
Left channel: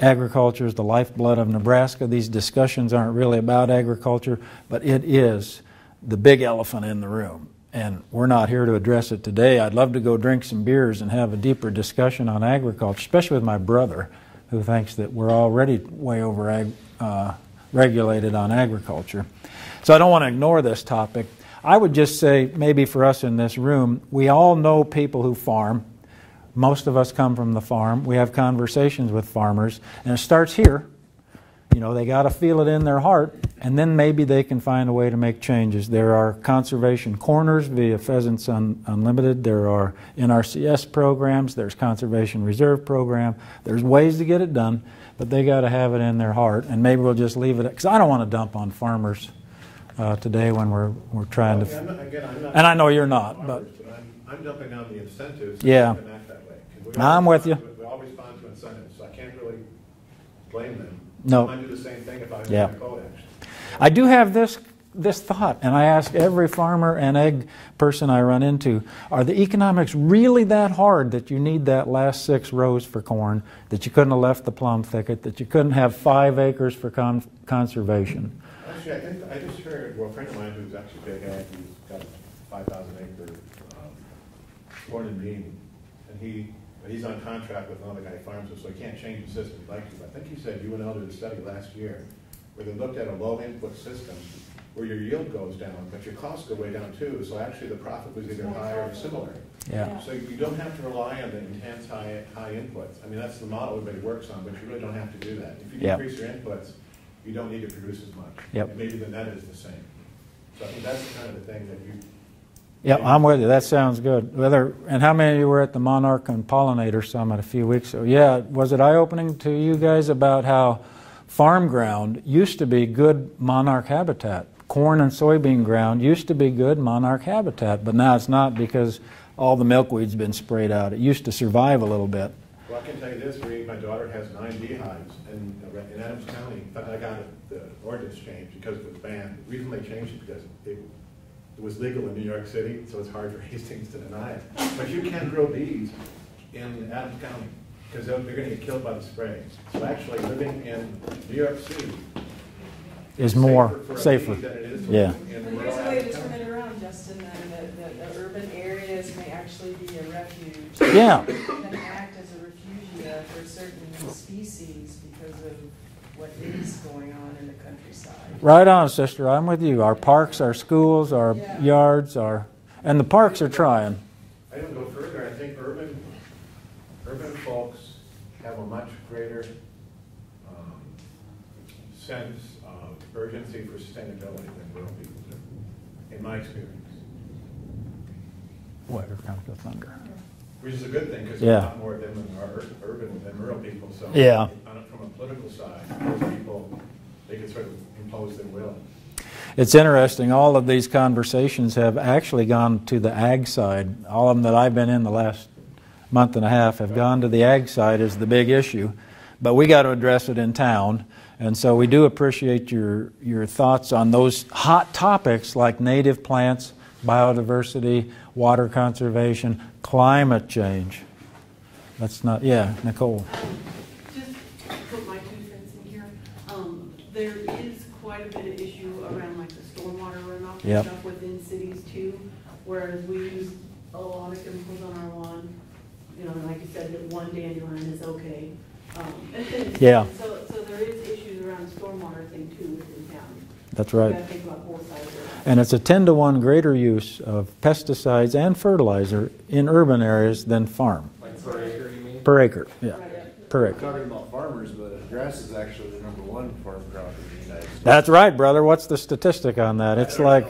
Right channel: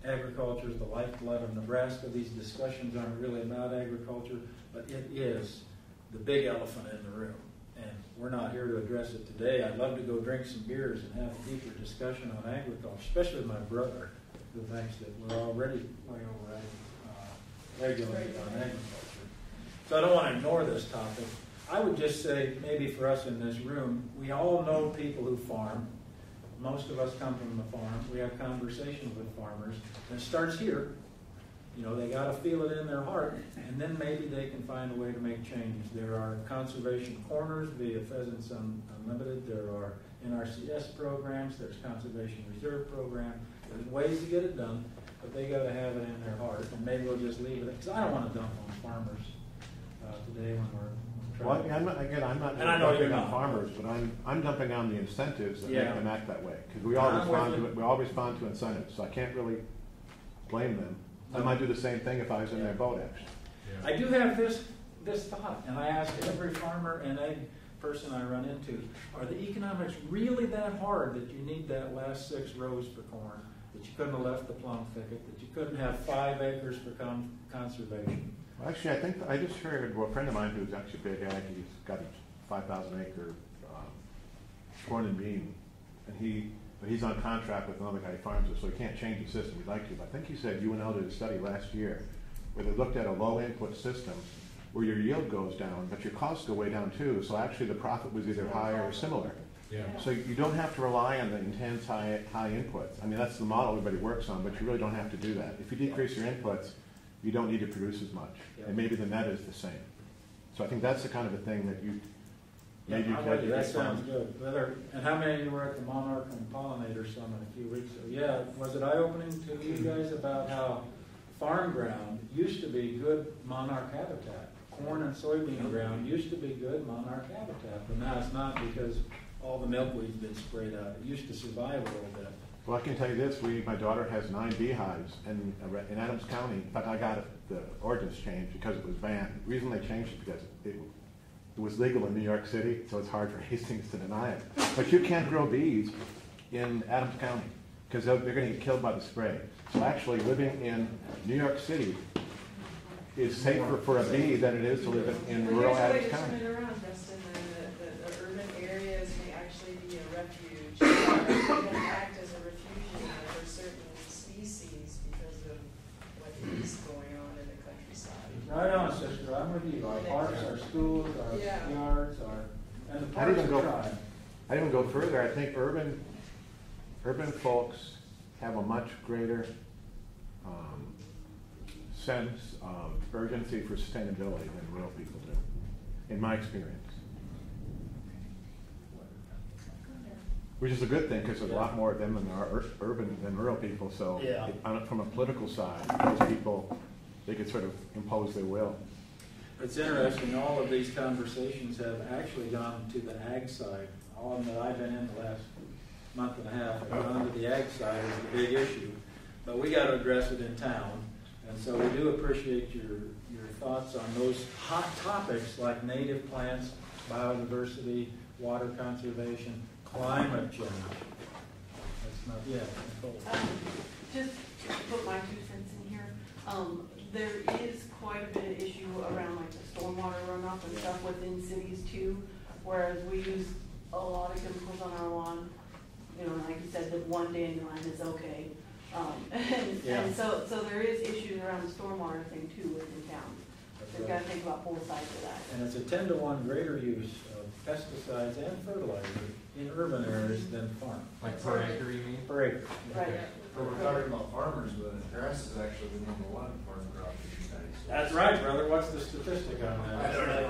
Agriculture is the lifeblood of Nebraska. These discussions aren't really about agriculture, but it is the big elephant in the room. And we're not here to address it today. I'd love to go drink some beers and have a deeper discussion on agriculture, especially with my brother, who thinks that we're already way over regulated on agriculture. So I don't want to ignore this topic. I would just say, maybe for us in this room, we all know people who farm. Most of us come from the farm. We have conversations with farmers, and it starts here. You know, they got to feel it in their heart, and then maybe they can find a way to make changes. There are conservation corners via Pheasants Unlimited. There are NRCS programs. There's Conservation Reserve program. There's ways to get it done, but they got to have it in their heart, and maybe we'll just leave it, because I don't want to dump on farmers today when we're trying to. I'm not and I know you're not. Farmers, but I'm dumping on the incentives yeah. to make them act that way. I'm with you. We all respond to incentives, so I can't really blame them. No. I might do the same thing if I was in a boat, actually. I do have this thought, and I ask every farmer and egg person I run into, are the economics really that hard that you need that last 6 rows for corn, that you couldn't have left the plum thicket, that you couldn't have 5 acres for conservation? Actually, I just heard, well, a friend of mine who's actually big ag, he's got a 5,000-acre corn and bean, and he's on contract with another guy who farms it, so he can't change the system he'd like to. I think he said UNL did a study last year where they looked at a low-input system where your yield goes down, but your costs go way down too, so actually the profit was either higher or similar. Yeah. So you don't have to rely on the intense high inputs. I mean, that's the model everybody works on, but you really don't have to do that. If you decrease your inputs, you don't need to produce as much. Yep. And maybe the net is the same. So I think that's the kind of the thing that you... Yep, I'm with you. That sounds good. And how many of you were at the Monarch and Pollinator Summit a few weeks ago? Yeah, was it eye-opening to you guys about how farm ground used to be good monarch habitat? Corn and soybean ground used to be good monarch habitat, but now it's not because all the milkweed's been sprayed out. It used to survive a little bit. Well, I can tell you this, my daughter has 9 beehives in Adams County. In fact, I got the ordinance changed because it was banned. The reason they changed it because it was legal in New York City, so it's hard for Hastings to deny it. But you can't grow bees in Adams County because they're going to get killed by the sprays. So actually living in New York City is more safer than it is to live in rural Adams County. Turn it around, Justin, and the urban areas may actually be a refuge. Yeah. Can act as a refugia for certain species because of what is going on in the countryside. Right on, sister. I'm with you. Our parks, our schools, our yards, and the parks are trying. I even go further. I think urban folks have a much greater sense of urgency for sustainability than rural people do, in my experience. Whatever comes to thunder. Which is a good thing because there's a lot more of them are urban than rural people. So from a political side, those people, they could sort of impose their will. It's interesting. All of these conversations have actually gone to the ag side. All of them that I've been in the last month and a half have gone to the ag side as the big issue. But we got to address it in town. And so we do appreciate your thoughts on those hot topics like native plants, biodiversity, water conservation, climate change. That's not, yeah, Nicole. Just to put my 2 cents in here, there is quite a bit of issue around like the stormwater runoff and stuff within cities too, whereas we use a lot of chemicals on our lawn. You know, like you said, that one dandelion is okay. Yeah. So there is issues around the stormwater thing too within town. That's right. You gotta think about both sides of that. And it's a 10-to-1 greater use of pesticides and fertilizer in urban areas than farm. Like per acre, you mean? Per acre, yeah. Right. Per We're acre. talking about farmers, but grass is actually the #1 farm crop in the United States. That's right, brother. What's the statistic on that? It's like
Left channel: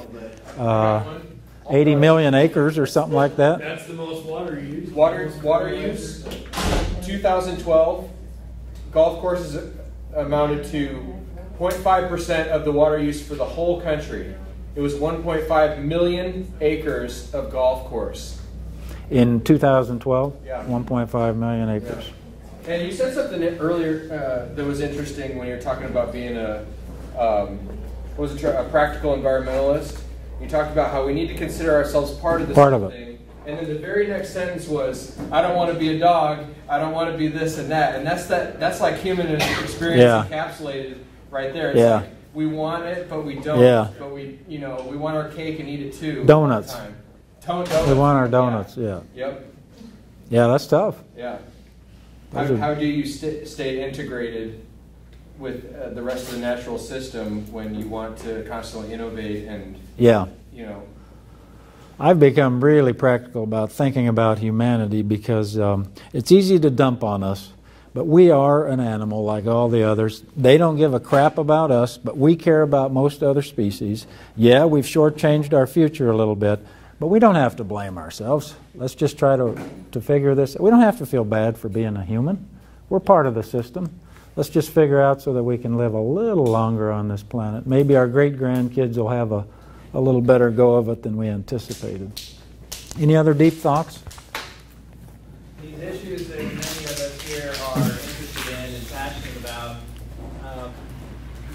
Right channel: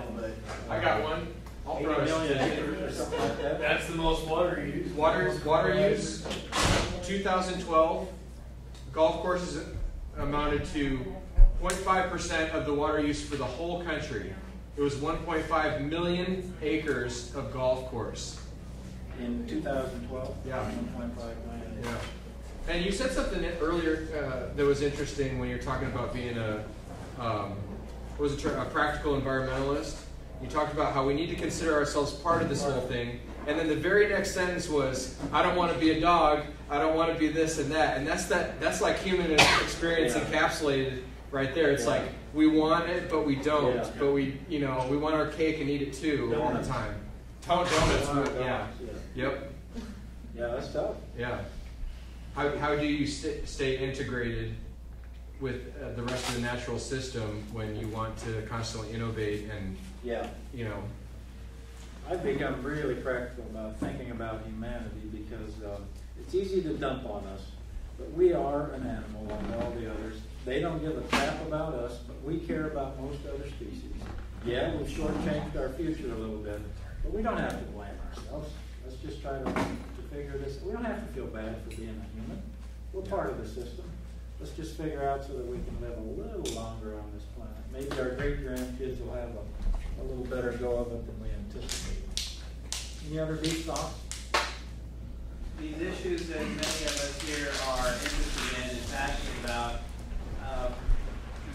80 million acres or something like that. That's the most water used. Water use, 2012, golf courses amounted to 0.5% of the water use for the whole country. It was 1.5 million acres of golf course. In 2012, Yeah. 1.5 million acres. And you said something earlier that was interesting when you're talking about being a practical environmentalist. You talked about how we need to consider ourselves part of this Part whole of it. thing. And then the very next sentence was, I don't want to be a dog, I don't want to be this and that. And that's like human experience encapsulated right there. It's like we want it, but we don't. Yeah. But we want our cake and eat it too. Donuts. Donuts. We want our donuts, yeah. Yep. Yeah, that's tough. Yeah. How do you stay integrated with the rest of the natural system when you want to constantly innovate and, I've become really practical about thinking about humanity because it's easy to dump on us, but we are an animal like all the others. They don't give a crap about us, but we care about most other species. Yeah, we've shortchanged our future a little bit, but we don't have to blame ourselves. Let's just try to figure this. We don't have to feel bad for being a human. We're part of the system. Let's just figure out so that we can live a little longer on this planet. Maybe our great-grandkids will have a little better go of it than we anticipated. Any other deep thoughts? These issues that many of us here are interested in and passionate about,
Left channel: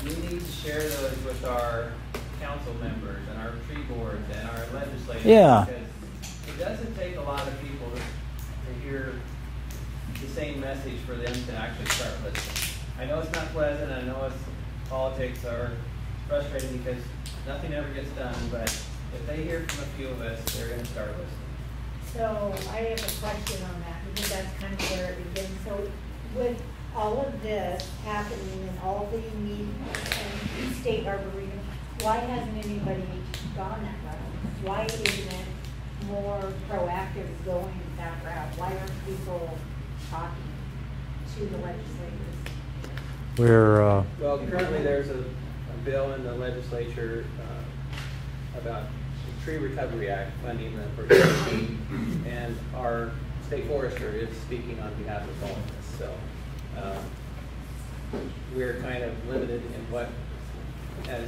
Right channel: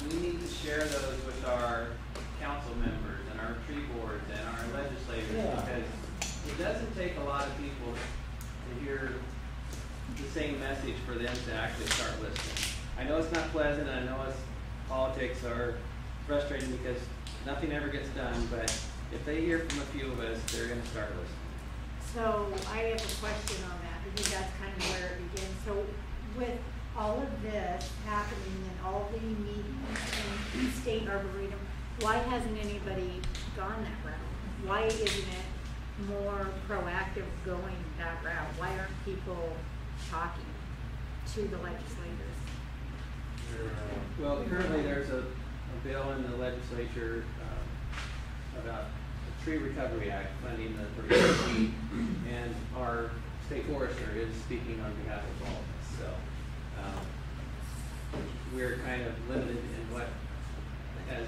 we need to share those with our council members and our tree boards and our legislators. Yeah. Because it doesn't take a lot of people to hear the same message for them to actually start listening. I know it's not pleasant, I know politics are frustrating because nothing ever gets done, but if they hear from a few of us, they're going to start listening. So I have a question on that, because that's kind of where it begins. So with all of this happening and all the meetings and state arboretum, why hasn't anybody gone that route? Why isn't it more proactive going that route? Why aren't people talking to the legislators? Well, currently there's a bill in the legislature about the Tree Recovery Act funding for team, and our state forester is speaking on behalf of all of us. So we're kind of limited in what, as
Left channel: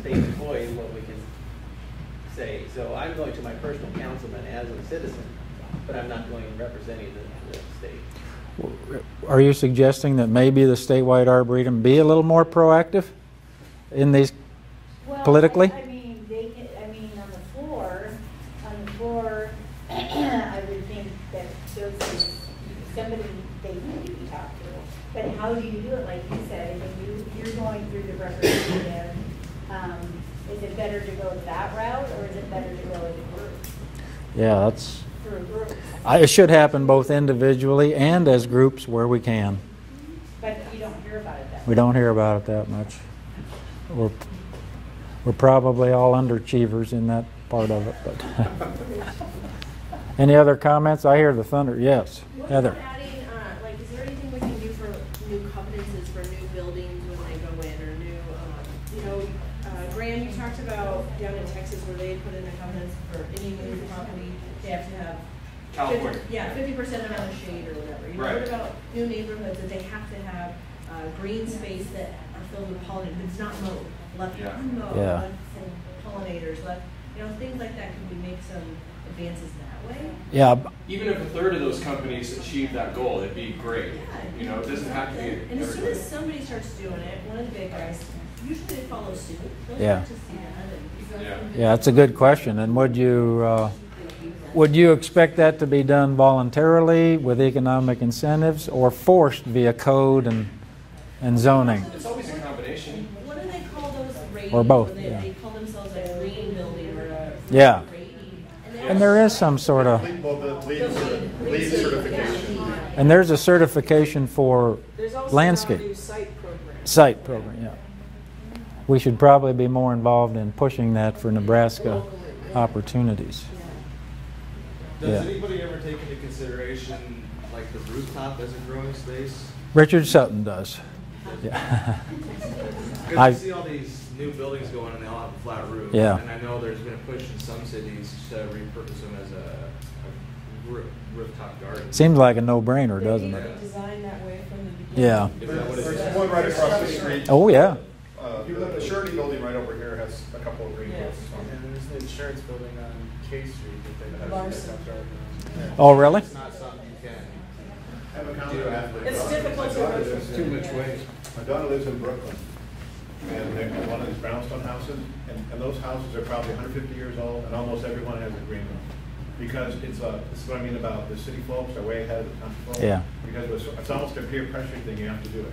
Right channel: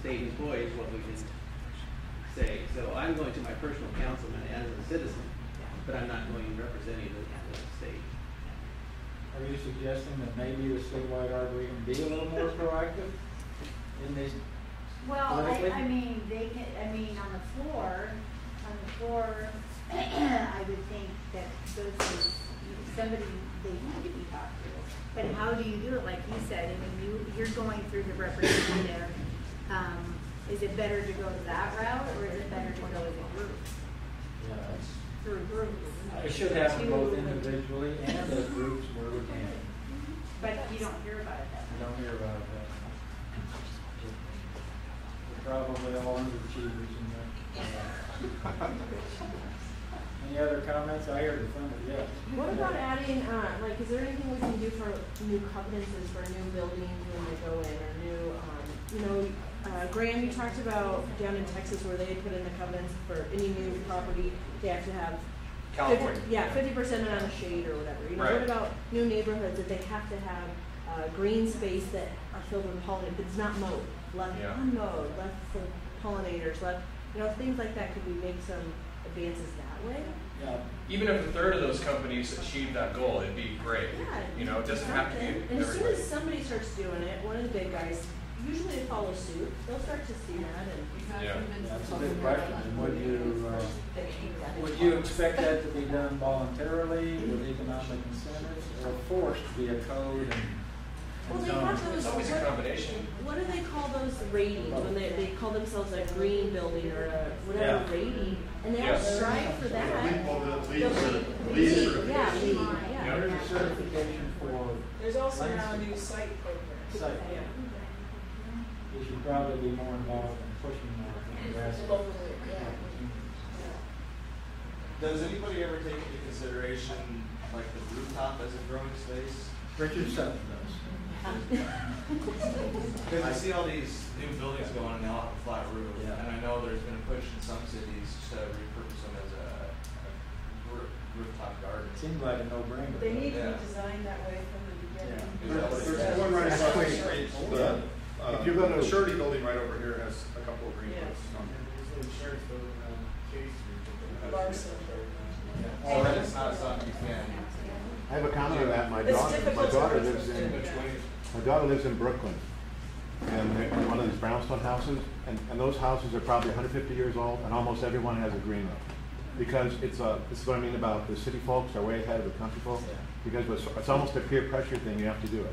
state employees, what we can say. So I'm going to my personal councilman as a citizen, but I'm not going representing the state. Are you suggesting that maybe the statewide arboretum be a little more proactive in these politically? I mean, on the floor, I would think that those is somebody they need to be talked to. But how do you do it, like you said? If you're going through the representative, is it better to go that route, or is it better to go as a group? Yeah, that's. Through a group. It should happen both individually and as groups where we can. But you don't hear about it that much. We don't hear about it that much. We're probably all underachievers in that part of it. But any other comments? I hear the thunder. Yes, what Heather. about adding, is there anything we can do for new covenances for new buildings when they go in, or new, Graham, you talked about down in Texas where they put in the covenants for any new property, they have to have California. 50% amount of shade or whatever. Right. What about new neighborhoods that they have to have green space that are filled with pollinators? It's not mowed, left unmowed, left for pollinators, left, things like that. Could we make some advances in that they? Yeah. Even if a third of those companies achieve that goal, it'd be great. You know, it doesn't have to be And as soon everybody. as somebody starts doing it, one of the big guys, usually they follow suit. They'll Yeah. start to see that and. Yeah, that's a good question. And would you expect that to be done voluntarily with economic incentives or forced via code and zoning? It's always a combination. What do they call those ratings? Or both, When yeah. they call themselves a green building or a Yeah. rating. And there is some sort of, Lead certification. and there's a certification for There's also landscape. now a new site program. Site program, yeah. We should probably be more involved in pushing that for Nebraska opportunities. Does Yeah. anybody ever take into consideration like the rooftop as a growing space? Richard Sutton does. Yeah. Because I- you see all these new buildings going and they all have a flat roof. Yeah. And I know there's been a push in some cities to repurpose them as a rooftop garden. Seems like a no-brainer, They doesn't need to it? be designed that way from the beginning. Yeah. There's one right across the street. Oh, yeah. If you go to the Surety building right over here has a couple of green Yeah. roofs. And there's the insurance building on K Street that they have. Larson. Oh, really? It's not something you can. I have a comment on that. It's difficult to daughter measure. lives Too much waste. My daughter lives in Brooklyn, and they're one of these brownstone houses, and those houses are probably 150 years old, and almost everyone has a green room. Because this is what I mean about the city folks are way ahead of the country folks. Yeah. Because it's almost a peer pressure thing, you have to do it.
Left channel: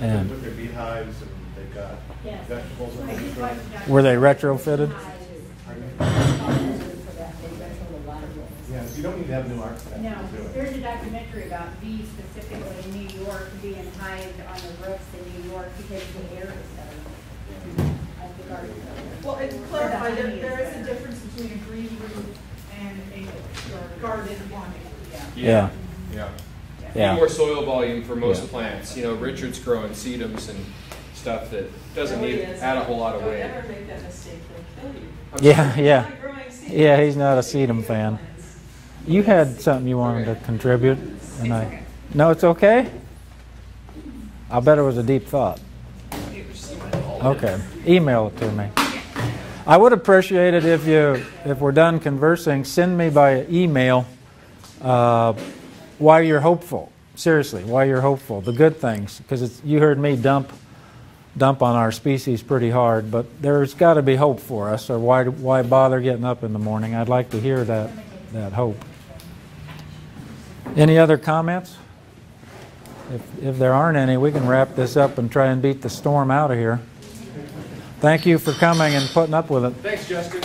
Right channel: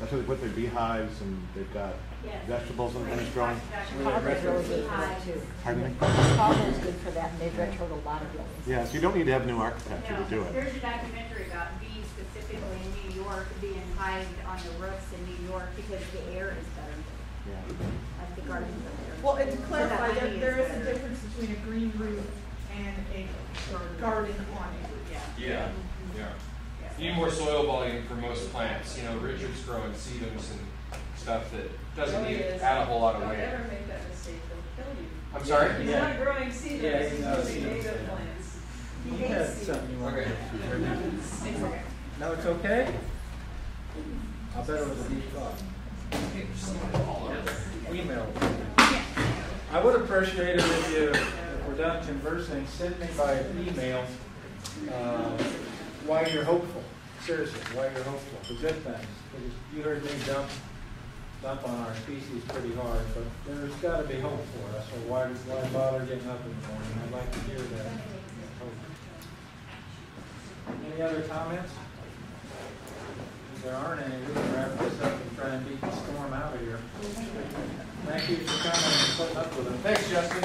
So Yeah. they put their beehives, and they've got vegetables and things growing. Were they retrofitted? Pardon me? For that, they retro a lot of them. Yeah, so you don't need to have new architecture No, to do it. there's a documentary about bees specifically in New York being hived on the roofs in New York because the air is better at the garden center. Well, and to clarify, there is a difference between a green roof and a garden awning. Yeah. Yeah. Yeah. Need more soil volume for most Yeah. plants. You know, Richard's growing sedums and stuff that doesn't No, he need is. add a whole lot of Don't weight. ever make that mistake, they'll kill you. I'm Yeah, sorry. yeah. Not growing seeds. Yeah, he's not a They sedum make fan. plants. You had something you wanted to contribute, and no, it's okay. I bet it was a deep thought. Okay, email it to me. I would appreciate it if we're done conversing, send me by email why you're hopeful. Seriously, why you're hopeful. The good things, because you heard me dump on our species pretty hard, but there's got to be hope for us. Or why bother getting up in the morning? I'd like to hear that hope. Any other comments? If there aren't any, we can wrap this up and try and beat the storm out of here. Thank you for coming and putting up with it. Thanks, Justin.